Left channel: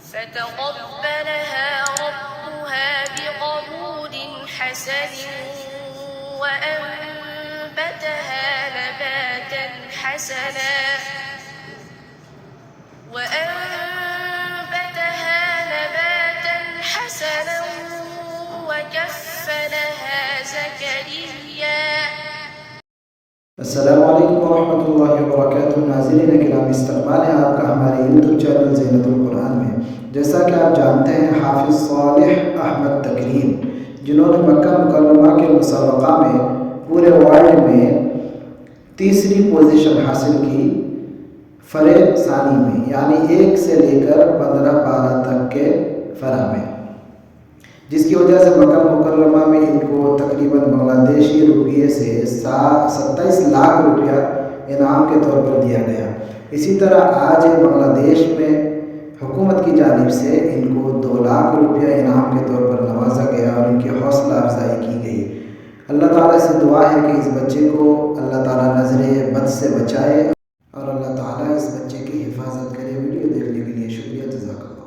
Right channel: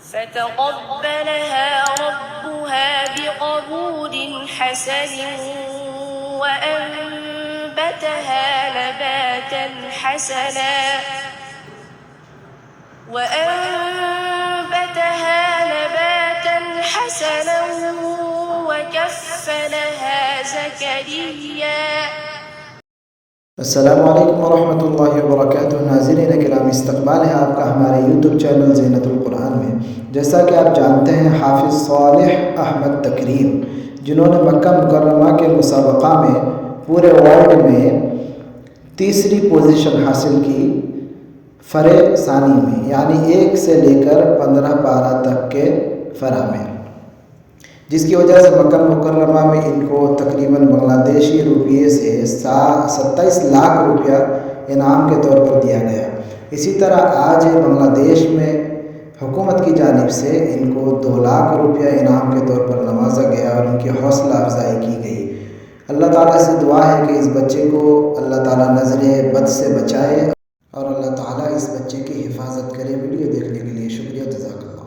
فتقبلها ربها بقبول حسن وأنبتها نباتا حسنا وكفلها زكريا। अस्सलामु अलैकुम वरहमतुल्लाहि वबरकातुहू। नाज़रीन किराम, इस्तक़बाल है आपका हमारे यूट्यूब चैनल ज़ीनतुल कुरान में। जैसा कि आप जानते हैं, हाफ़िज़ सालेह अहमद तकरीम, जिन्होंने मक्का मुकर्रमा के मुसाबक़ा में पूरे वर्ल्ड में तीसरी पोजीशन हासिल की फ़रे सानी में, यानी 1 से लेकर 15 पारा तक के फ़रा में, जिसकी वजह से मक्का मुकर्रमा में इनको तकरीबन बांग्लादेशी रुपये से 27 लाख रुपया इनाम के तौर पर दिया गया। इसी तरह आज बांग्लादेश में हुकूमत की जानिब से इनको 2 लाख रुपया इनाम के तौर पर नवाजा गया और इनकी हौसला अफजाई की गई। अल्लाह ताला से दुआ है कि इस बच्चे को अल्लाह ताला नज़रे बद से बचाए और अल्लाह ताला इस बच्चे की हिफाजत करे। वीडियो देखने के लिए शुक्रिया, जज़ाकल्लाह।